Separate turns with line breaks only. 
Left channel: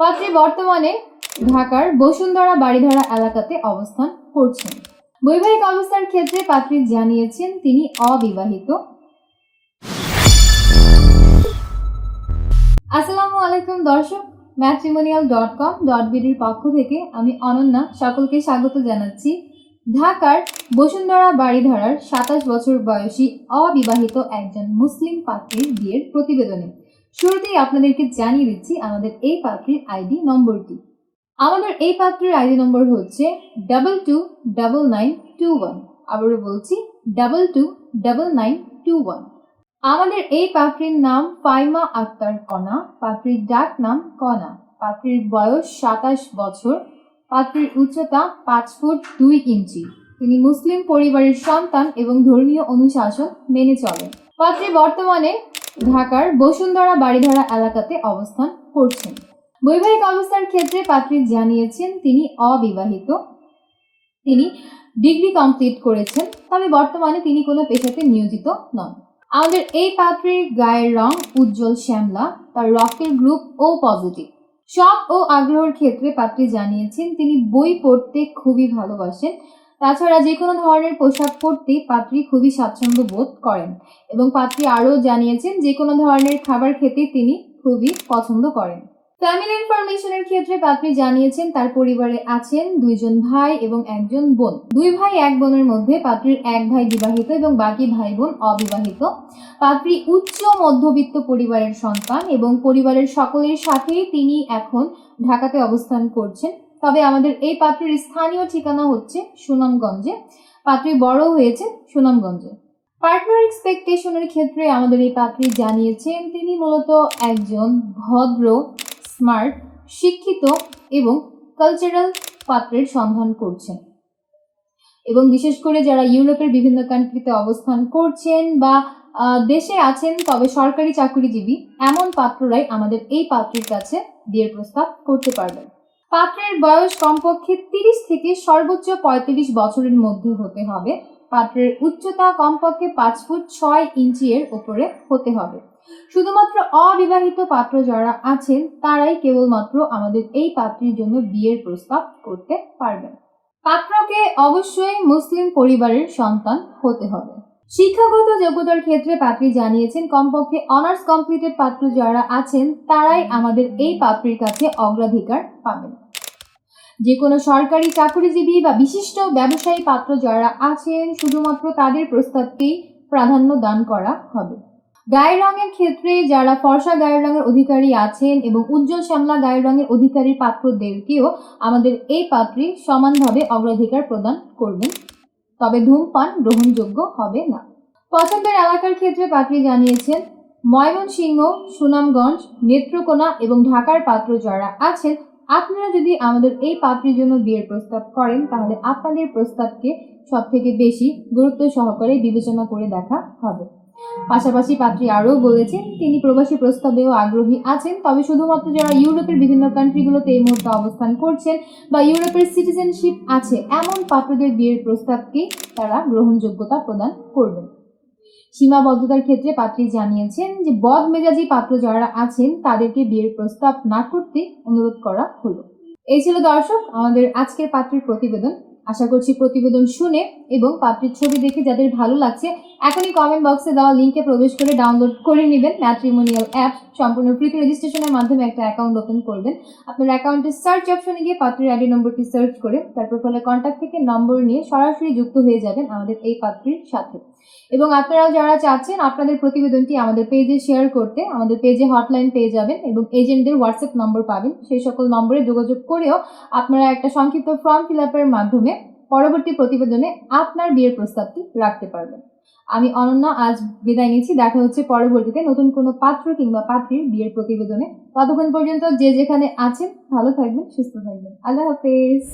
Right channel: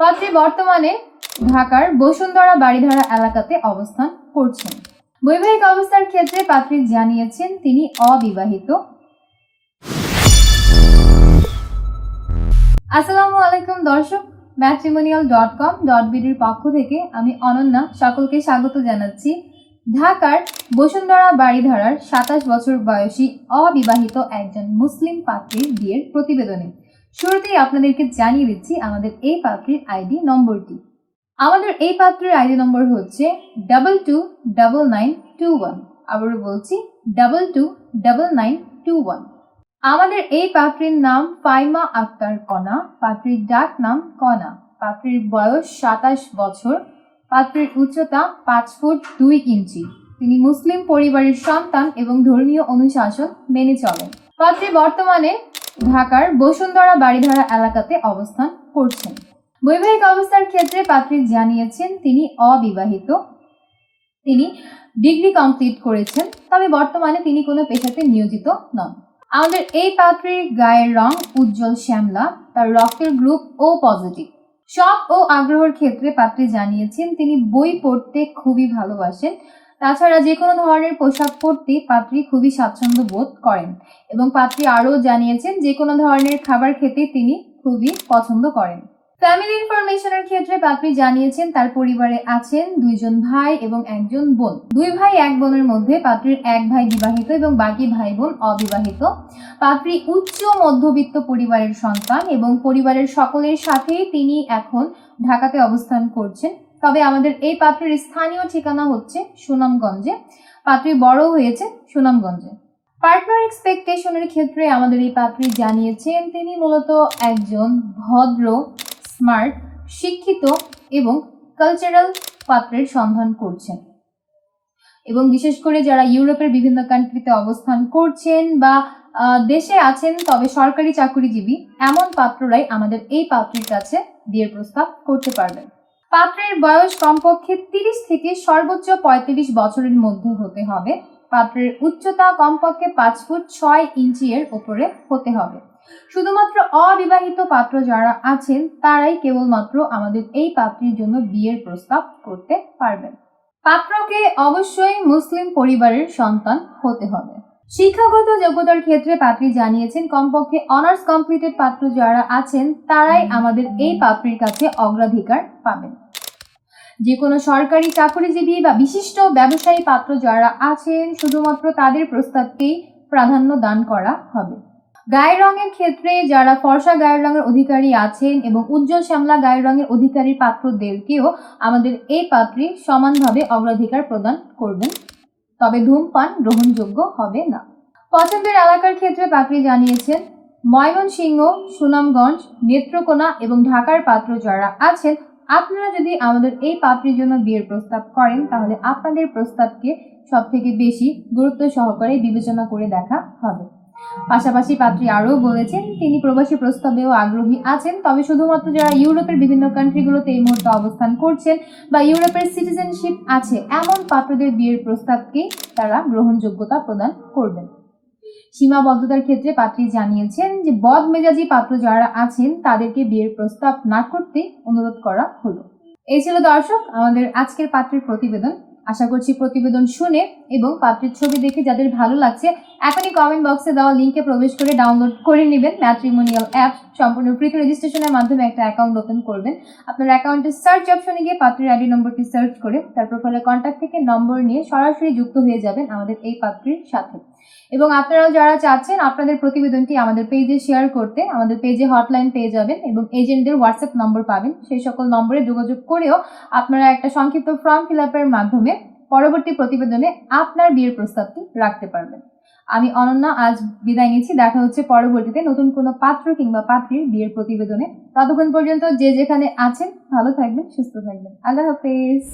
পাত্রী বর্তমানে ঢাকার বসুন্ধরা বাড়িধারা এলাকাতে অবস্থান করছেন। বৈবাহিক অবস্থার ক্ষেত্রে পাত্রী জানিয়েছেন, তিনি অবিবাহিত। আসসালামু আলাইকুম দর্শক ম্যাট্রিমোনিয়াল ডট কম ডট বিডির পক্ষ থেকে আমি অনন্যা সকলকে স্বাগত জানাচ্ছি। ঢাকার বসুন্ধরা বাড়িধারার সাতাশ বছর বয়সী অবিবাহিত একজন মুসলিম পাত্রীর বিয়ের প্রতিবেদনে। শুরুতেই আপনাদেরকে জানিয়ে দিচ্ছি আমাদের এই পাত্রীর আইডি নম্বরটি। আমাদের এই পাত্রের আইডি নম্বর হচ্ছে double two double nine two one আবারও বলছি double two double nine two one আমাদের এই পাত্রীর নাম ফাইমা আক্তার কণা, পাত্রীর ডাক নাম কণা, পাত্রীর বয়স সাতাশ বছর, পাত্রীর উচ্চতা পাঁচ ফুট দুই ইঞ্চি। তিনি মুসলিম পরিবারের সন্তান এবং ধর্মীয় অনুশাসন মেনে চলেন। পাত্রী বর্তমানে ঢাকার বসুন্ধরা বাড়িধারা এলাকাতে অবস্থান করছেন। বৈবাহিক অবস্থার ক্ষেত্রে পাত্রী জানিয়েছেন, তিনি অবিবাহিত। তিনি ডিগ্রি কমপ্লিট করেছেন, তবে বর্তমানে তিনি কোনো পেশাতে নিয়োজিত নন। আমাদের এই পাত্রীর গায়ের রং উজ্জ্বল শ্যামলা, তার রক্তের গ্রুপ ও পজিটিভ। শখ ও আগ্রহের ক্ষেত্রে পাত্রী জানিয়েছেন, তিনি বই পড়তে খুবই ভালোবাসেন তাছাড়া যে কোনো ধরনের পোশাক পরতে পাত্রী খুবই স্বাচ্ছন্দ্য বোধ করেন এবং পাত্রী আরও জানিয়েছেন যে কোনো ধরনের খাবার খেতে তিনি খুবই পছন্দ করেন। ফ্যামিলি ইনফরমেশনের ক্ষেত্রে পাত্রী জানিয়েছেন তার পরিবারে আছেন দুইজন ভাই এবং একজন বোন। দুই ভাই এক বোনের মধ্যে পাত্রীর এক ভাই বিবাহিত এবং বাকি ভাই বোন অবিবাহিত। পাত্রী উচ্চ মধ্যবিত্ত পরিবারের সন্তান এবং পরিবারের সকলের সাথেই তিনি এখন ঢাকাতে অবস্থান করছেন। তবে আমাদের এই পাত্রের স্থানীয় ঠিকানা হচ্ছে সুনামগঞ্জে। পাত্রী বড় হয়েছে সুনামগঞ্জে। পার্টনার এক্সপেকটেশনের ক্ষেত্রে আমাদের এই পাত্রী জানিয়েছেন, তিনি মূলত একজন ভদ্র স্মার্ট শিক্ষিত এবং কালচারাল পাত্রের সন্ধান করছেন। এবং বিশেষ করে যারা ইউরোপের বিভিন্ন কান্ট্রিতে অবস্থান করছেন বা দেশে আছেন, তবে সরকারি চাকরিজীবী, এমন পাত্ররাই আমাদের এই পাত্রীর কাছে বিয়ের প্রস্তাব করতে পারবেন। পাত্রের বয়স কমপক্ষে তিরিশ থেকে সর্বোচ্চ পঁয়ত্রিশ বছরের মধ্যে হতে হবে। পাত্রের উচ্চতা কমপক্ষে পাঁচ ফুট ছয় ইঞ্চি এর ওপরে হতে হবে। শুধুমাত্র অবিবাহিত পাত্র যারা আছেন, তারাই কেবলমাত্র আমাদের এই পাত্রীর জন্য বিয়ের প্রস্তাব করতে পারবেন। পাত্রকে অবশ্যই মুসলিম পরিবারের সন্তান হতে হবে। শিক্ষাগত যোগ্যতার ক্ষেত্রে পাত্রী জানিয়েছেন কমপক্ষে অনার্স কমপ্লিটেড পাত্র যারা আছেন তারাই আমাদের এই পাত্রীর কাছে অগ্রাধিকার পাবেন। যে কোনো সরকারি চাকরিজীবী বা বিশিষ্ট ব্যবসায়ী পাত্র যারা আছেন শুধুমাত্র তাদের প্রস্তাবকেই প্রাধান্য দান করা হবে। গায়ের রঙের ক্ষেত্রে যারা ফর্সা গায়ের রঙের অধিকারী আছেন এবং উজ্জ্বল শ্যামলা গায়ের রঙের অধিকারী পাত্রদেরকেও আমাদের এই পাত্রী সমানভাবে অগ্রাধিকার প্রদান করবেন। তবে ধূমপান গ্রহণযোগ্য হবে না। পছন্দের এলাকার ক্ষেত্রে পাত্রী জানিয়েছেন, ময়মনসিংহ, সুনামগঞ্জ, নেত্রকোনা এবং ঢাকার পাত্র যারা আছেন, আপনারা যদি আমাদের এই পাত্রীর জন্য বিয়ের প্রস্তাব করেন, তাহলে আপনাদের প্রস্তাবকে সব থেকে বেশি গুরুত্ব সহকারে বিবেচনা করে দেখা হবে। পাশাপাশি পাত্রী আরও বলেছেন, তিনি প্রবাসী প্রস্তাবেও আগ্রহী আছেন, তবে শুধুমাত্র যারা ইউরোপের বিভিন্ন কান্ট্রিগুলোতে এই মুহূর্তে অবস্থান করছেন বা ইউরোপের সিটিজেনশিপ আছে, এমন পাত্রদের বিয়ের প্রস্তাবকে তারা গ্রহণযোগ্যতা প্রদান করবেন। সীমাবদ্ধতার ক্ষেত্রে পাত্রী জানিয়েছেন যে বদ মেজাজি পাত্র যারা আছেন, তাদেরকে বিয়ের প্রস্তাব না করতে অনুরোধ করা হলো। এই ছিল দর্শক, আমাদের আজকের পাত্রের প্রতিবেদন। আশা করছি প্রতিবেদন শুনে এবং পাত্রীর ছবি দেখে যাদের ভালো লাগছে, এখনই কমেন্ট বক্সে দেওয়া লিঙ্কে প্রবেশ করে ডাউনলোড করে নেবেন। ম্যাট্রিমোনিয়াল অ্যাপ সম্পূর্ণ ফ্রিতে রেজিস্ট্রেশনের মাধ্যমে একটা অ্যাকাউন্ট ওপেন করবেন। আপনার অ্যাকাউন্টের সার্চ অপশনে গিয়ে পাত্রীর আইডি নম্বরটি সার্চ করে তার প্রোফাইলে কন্ট্যাক্ট থেকে নম্বর নিয়ে সরাসরি যুক্ত হয়ে যাবেন আমাদের এই পাত্রীর সাথে। এবং আপনারাও যারা চাচ্ছেন, আপনাদের প্রতিবেদনটি আমাদের পেজে শেয়ার করতে, আমাদের পেজে হটলাইন পেয়ে যাবেন এবং এজেন্টদের হোয়াটসঅ্যাপ নম্বর পাবেন। সেই সকল নম্বরে যোগাযোগ করেও আপনারা একটা সংক্ষিপ্ত ফর্ম ফিল মাধ্যমে পরবর্তী প্রতিবেদনে আপনার বিয়ের প্রস্তাবটি রাখতে পারবেন। আমি অনন্যা, আজ বিদায় নিচ্ছি। দেখা হচ্ছে পরবর্তীতে নতুন কোনো পাত্র কিংবা পাত্রীর বিয়ের প্রতিবেদনে। ততক্ষণ পর্যন্ত যে যেখানে আছেন, ভালো থাকবেন, সুস্থ থাকবেন। আল্লাহ হাফেজ।